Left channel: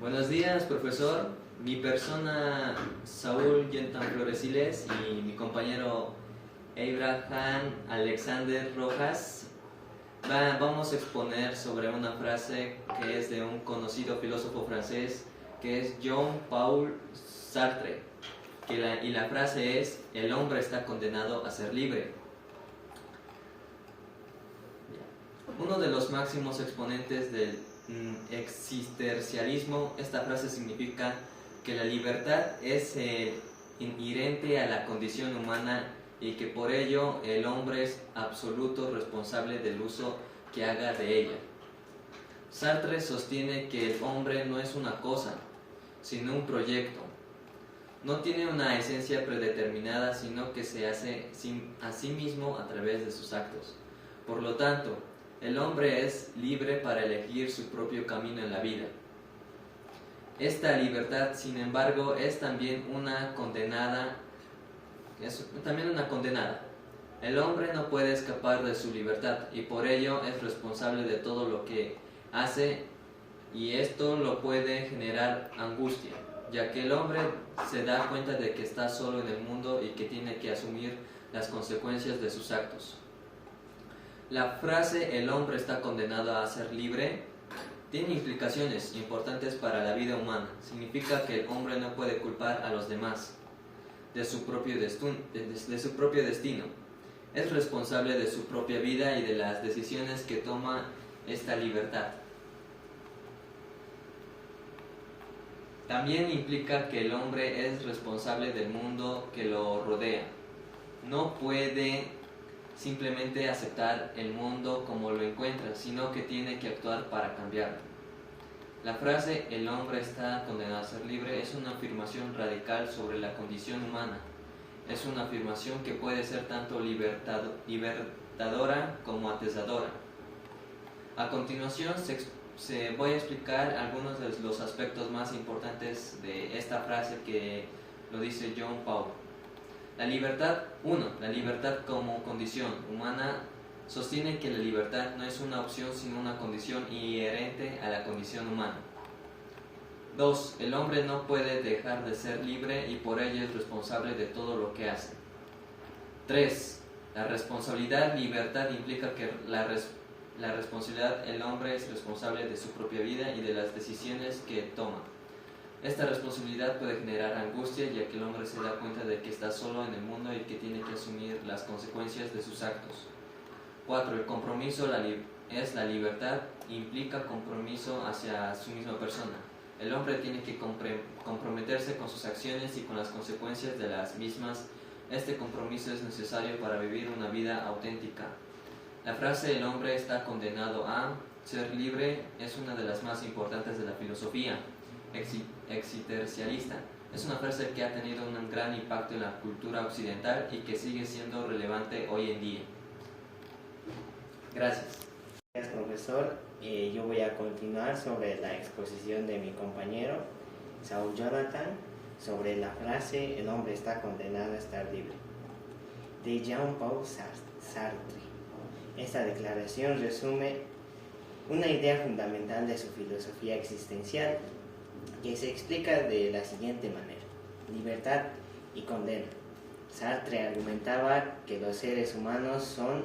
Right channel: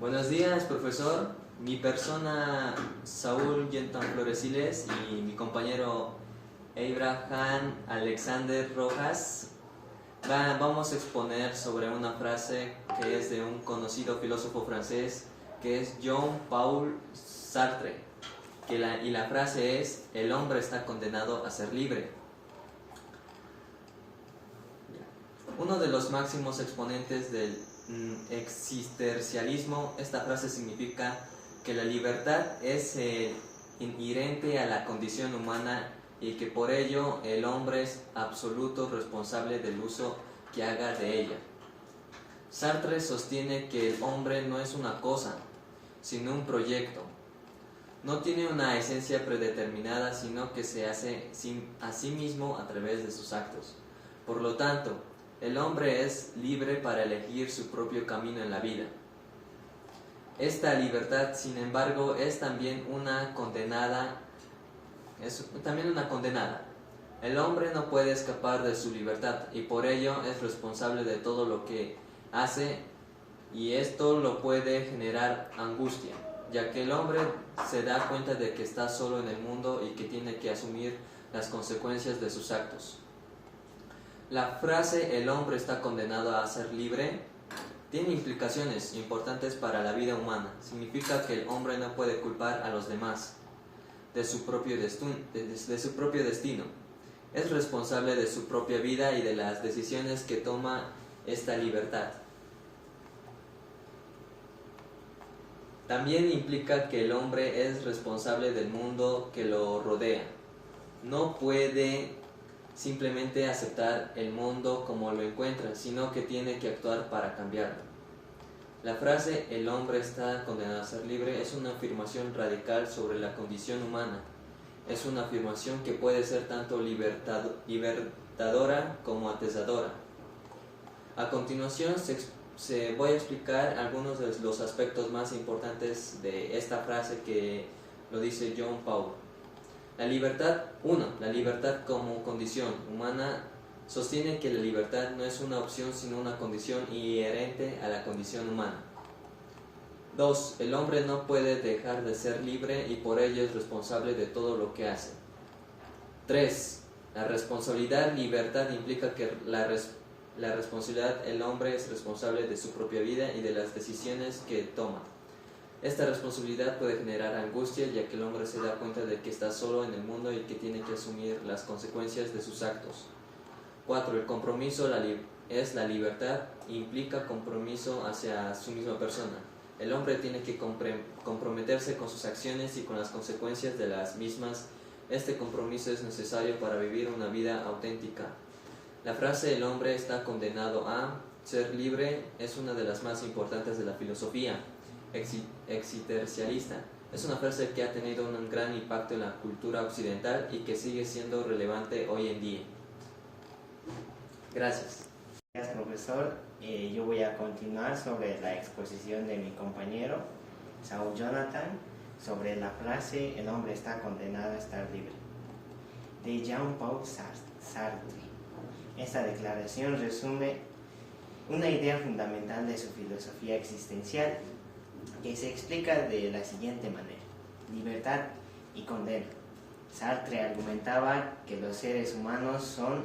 Buenos días, profesor. Mi persona, Saúl Yentan Floresiles, y mi compañero Abraham Alexander Rojas, vamos a exponer sobre una frase que es de un conocido filósofo francés, que es Jean-Paul Sartre, y la frase es: el hombre está condenado a ser libre. Uno de los máximos exponentes del existencialismo, esta frase significa que la libertad es inherente a la condición humana y que por ello el hombre es absoluto responsable del uso que haga de ella. Sartre sostiene que el hombre no es una cosa, sino un proyecto. No tiene una esencia predeterminada, sino que se hace a sí mismo a través de sus actos. Por lo tanto, el hombre es libre para elegir su propio camino en la vida. Esta libertad, sin embargo, es también una condenada. El hombre no puede escapar de su libertad y por ello es responsable de todo lo que hace, y esto lo puede generar angustia, ya que el hombre se da cuenta de que está solo en el mundo y que tiene que asumir las consecuencias de sus actos. La frase "el hombre está condenado a ser libre" tiene implicaciones importantes para la vida humana. Significa que el hombre no puede culpar a los demás de su propio destino. Es responsable de su propia vida y de las decisiones que toma esta libertad. También implica que el hombre es responsable del mundo que lo rodea. No puede simplemente aceptar el mundo como lo encuentra, sino que tiene que actuar para cambiarlo. La frase "el hombre está condenado a ser libre" es una afirmación radical sobre la condición humana. Es una afirmación que puede ser tanto libertadora como atesadora. A continuación voy a explicar algunos de los aspectos más importantes de esta frase que lo dice John Paul. La libertad como condición humana sostiene que la libertad no es una opción sino una condición inherente a la condición humana. 2. El hombre no puede dejar de ser libre y por ello es responsable de todo lo que hace. 3. La responsabilidad libertad implica que la responsabilidad, el hombre es responsable de su propia vida y de las decisiones que toma. Esta responsabilidad puede generar angustia, ya que el hombre se da cuenta de que está solo en el mundo y que tiene que asumir las consecuencias de sus actos. 4. El compromiso es la libertad, implica compromiso hacia su misma persona. El hombre tiene que comprometerse con sus acciones y con las consecuencias de las mismas. Este compromiso es necesario para vivir una vida auténtica. La frase "el hombre está condenado a ser libre" es una de las más importantes de la filosofía existencialista. Es una frase que ha tenido un gran impacto en la cultura occidental y que sigue siendo relevante hoy en día. Gracias. Gracias, profesor. Yo voy a continuar sobre la exposición de mi compañero Saúl Jonathan sobre la frase "el hombre está condenado a estar libre", de Jean-Paul Sartre. Esta declaración resume una idea fundamental de su filosofía existencial, que se explica de la siguiente manera: libertad y condena. Sartre argumentaba que los seres humanos son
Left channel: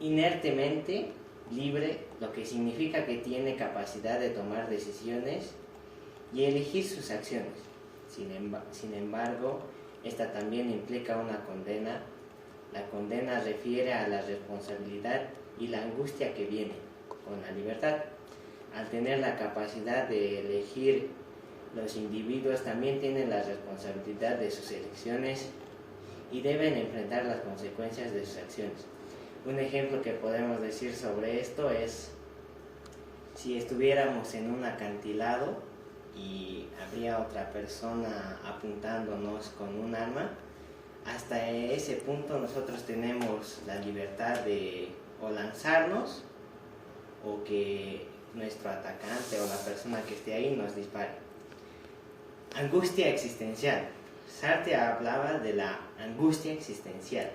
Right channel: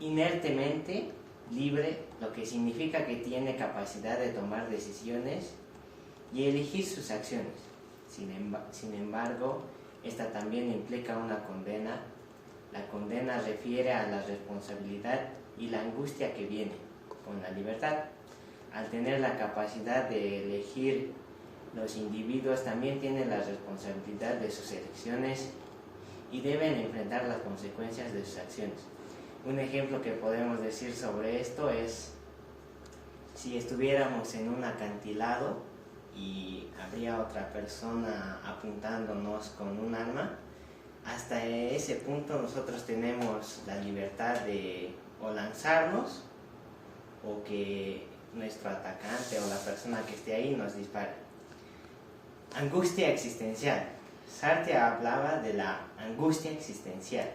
inertemente libres, lo que significa que tiene capacidad de tomar decisiones y elegir sus acciones. Sin embargo, esta también implica una condena. La condena refiere a la responsabilidad y la angustia que viene con la libertad. Al tener la capacidad de elegir, los individuos también tienen la responsabilidad de sus elecciones y deben enfrentar las consecuencias de sus acciones. Un ejemplo que podemos decir sobre esto es si estuviéramos en un acantilado y habría otra persona apuntándonos con un arma. Hasta ese punto nosotros tenemos la libertad de o lanzarnos o que nuestro atacante o la persona que esté ahí nos dispare. Angustia existencial. Sartre hablaba de la angustia existencial,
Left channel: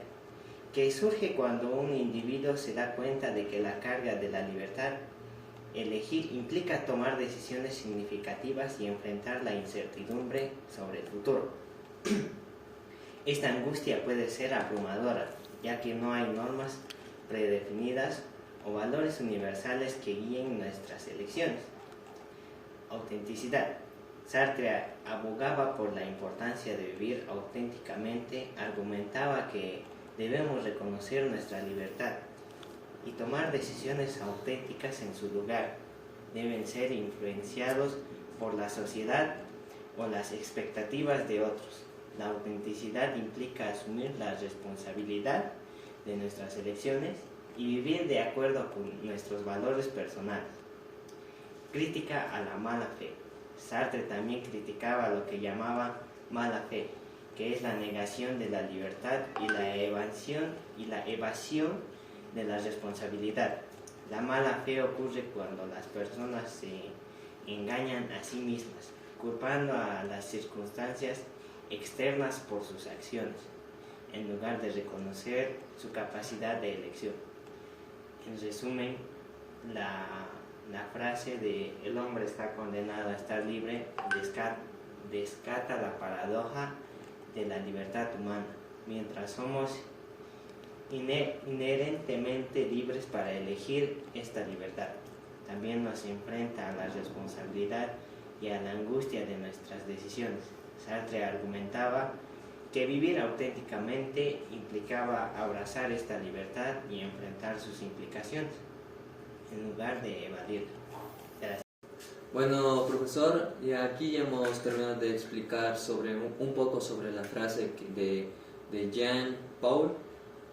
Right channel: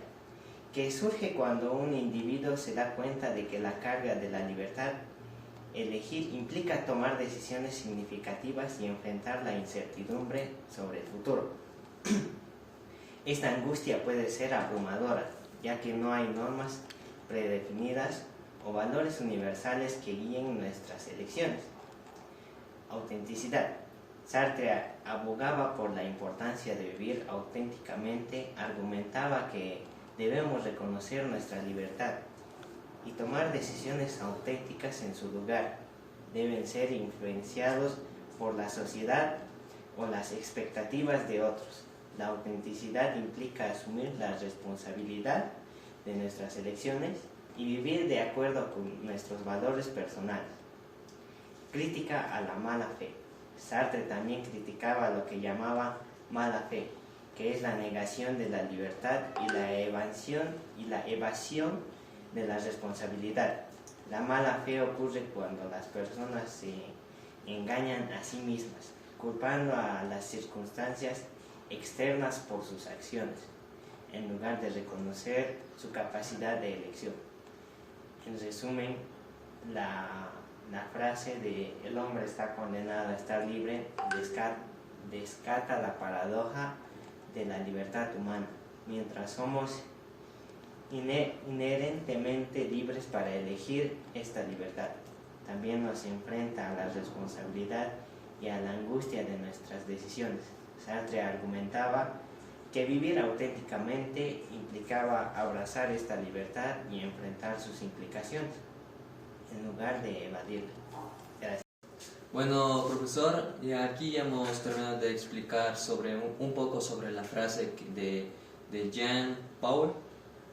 que surge cuando un individuo se da cuenta de que la carga de la libertad elegir implica tomar decisiones significativas y enfrentar la incertidumbre sobre el futuro. Esta angustia puede ser abrumadora, ya que no hay normas predefinidas o valores universales que guíen nuestras elecciones. Autenticidad. Sartre abogaba por la importancia de vivir auténticamente, argumentaba que debemos reconocer nuestra libertad y tomar decisiones auténticas en su lugar. Deben ser influenciados por la sociedad o las expectativas de otros. La autenticidad implica asumir la responsabilidad de nuestras elecciones y vivir de acuerdo con nuestros valores personales. Crítica a la mala fe. Sartre también criticaba lo que llamaba mala fe, que es la negación de la libertad y la evasión de la responsabilidad. La mala fe ocurre cuando las personas se engañan a sí mismas, culpando a las circunstancias externas por sus acciones, en lugar de reconocer su capacidad de elección. En resumen, la frase de "el hombre está condenado a estar libre" descarta la paradoja de la libertad humana. Mientras somos inherentemente libres para elegir esta libertad, también nos enfrenta a la responsabilidad y a la angustia de nuestras decisiones. Sartre argumentaba que vivir auténticamente implicaba abrazar esta libertad y enfrentar sus implicaciones, en lugar de evadirla. Gracias. Bueno, profesor, y aquí hemos terminado de explicar un poco sobre la frase de Jean Paul,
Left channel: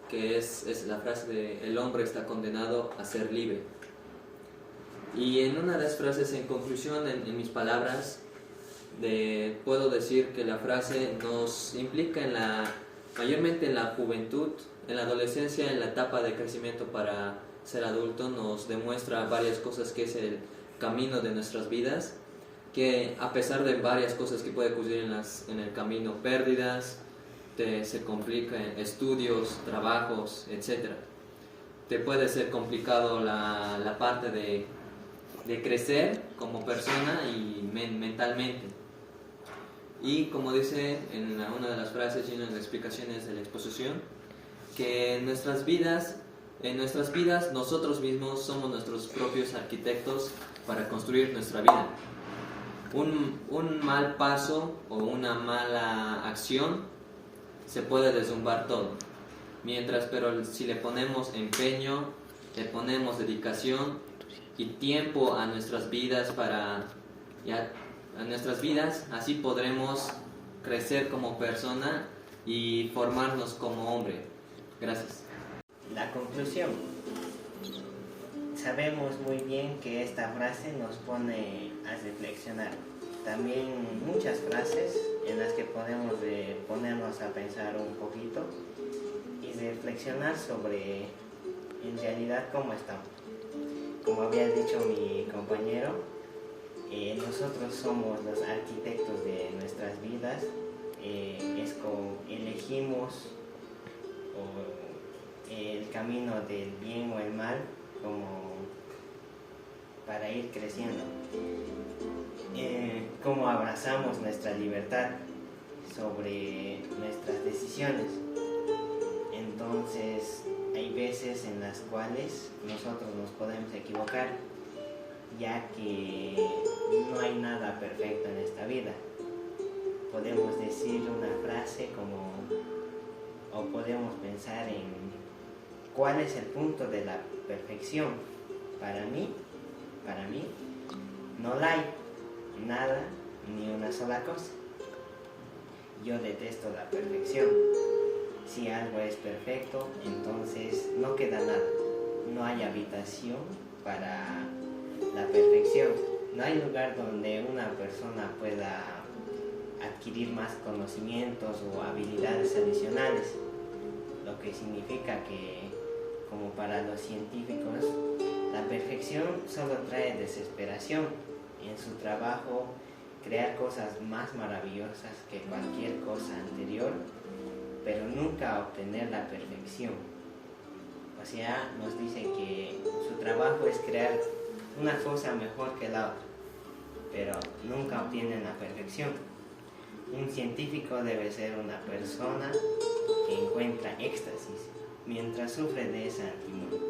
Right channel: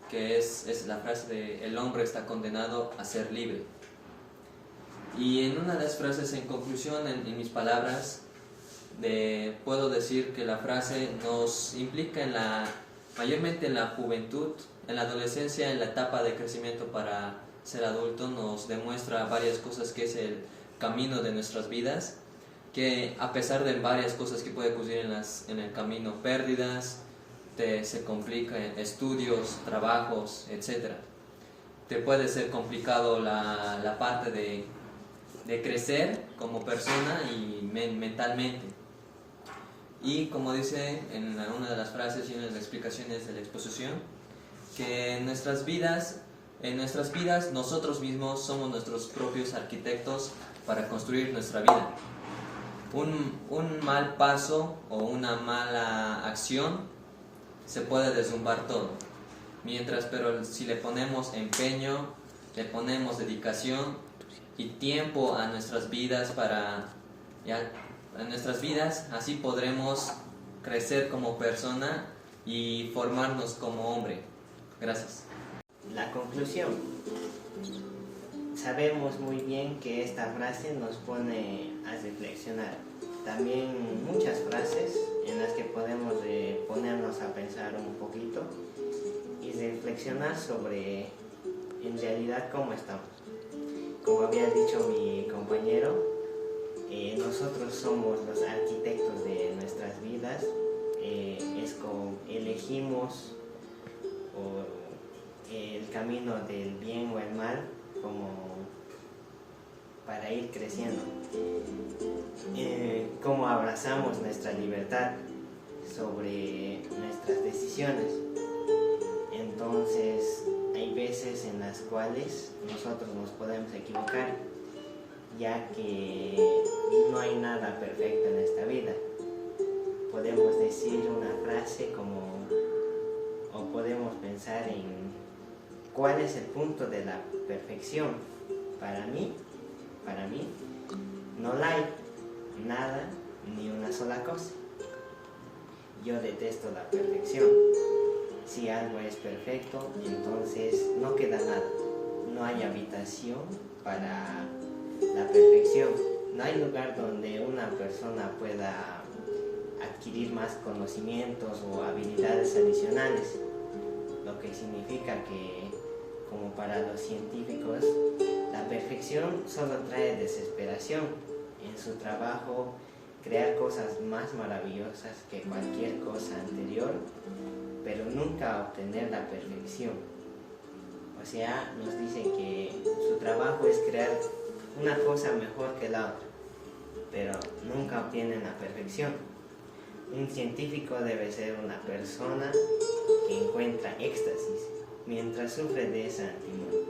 que es la frase de "el hombre está condenado a ser libre". Y en una de las frases, en conclusión, en mis palabras, puedo decir que la frase nos implica mayormente en la juventud, en la adolescencia, en la etapa de crecimiento para ser adulto. Nos demuestra varias cosas que es el camino de nuestras vidas, que a pesar de varias cosas que puede ocurrir en el camino, pérdidas, se complica en estudios, trabajos, etc. Te puede ser complicado la parte de crecer como persona y mentalmente. Y como dice en una de las frases y en las explicaciones de la exposición, que en nuestras vidas nosotros mismos somos nuestros propios arquitectos para construir nuestra vida. Un mal paso o una mala acción se puede derrumbar todo. Pero si le ponemos empeño, le ponemos dedicación y tiempo a nuestras vidas así podremos crecer como persona y formarnos como hombre. Gracias. La conclusión. Sabemos muy bien que esta frase nos pone a reflexionar. También muchas frases en las que podemos ponernos a pensar un poquito y reflexionar sobre en realidad cómo estamos. Como había dicho mi compañero, nosotros somos los arquitectos de nuestras vidas. Es como elegimos el camino del bien o el mal como para ir creciendo. Cómo abrazamos nuestra libertad sobre nuestras decisiones. Entonces hay veces en las cuales nosotros nos podemos equivocar, ya que no hay nada perfecto en esta vida. Podemos decir una frase o podemos pensar en cuál es el punto de la perfección. Para mí, no la hay nada ni una sola cosa. Yo detesto la perfección. Si algo es perfecto, entonces no queda nada. No hay habitación para la perfección. No hay lugar donde una persona pueda adquirir más conocimientos o habilidades adicionales, lo que significa que, como para los científicos, la perfección solo trae desesperación. En su trabajo, crear cosas más maravillosas que cualquier cosa anterior, pero nunca obtener la perfección. O sea, nos dice que su trabajo es crear una cosa mejor que la otra, pero nunca obtienen la perfección. Un científico debe ser una persona que encuentra éxtasis mientras sufre de esa timidez.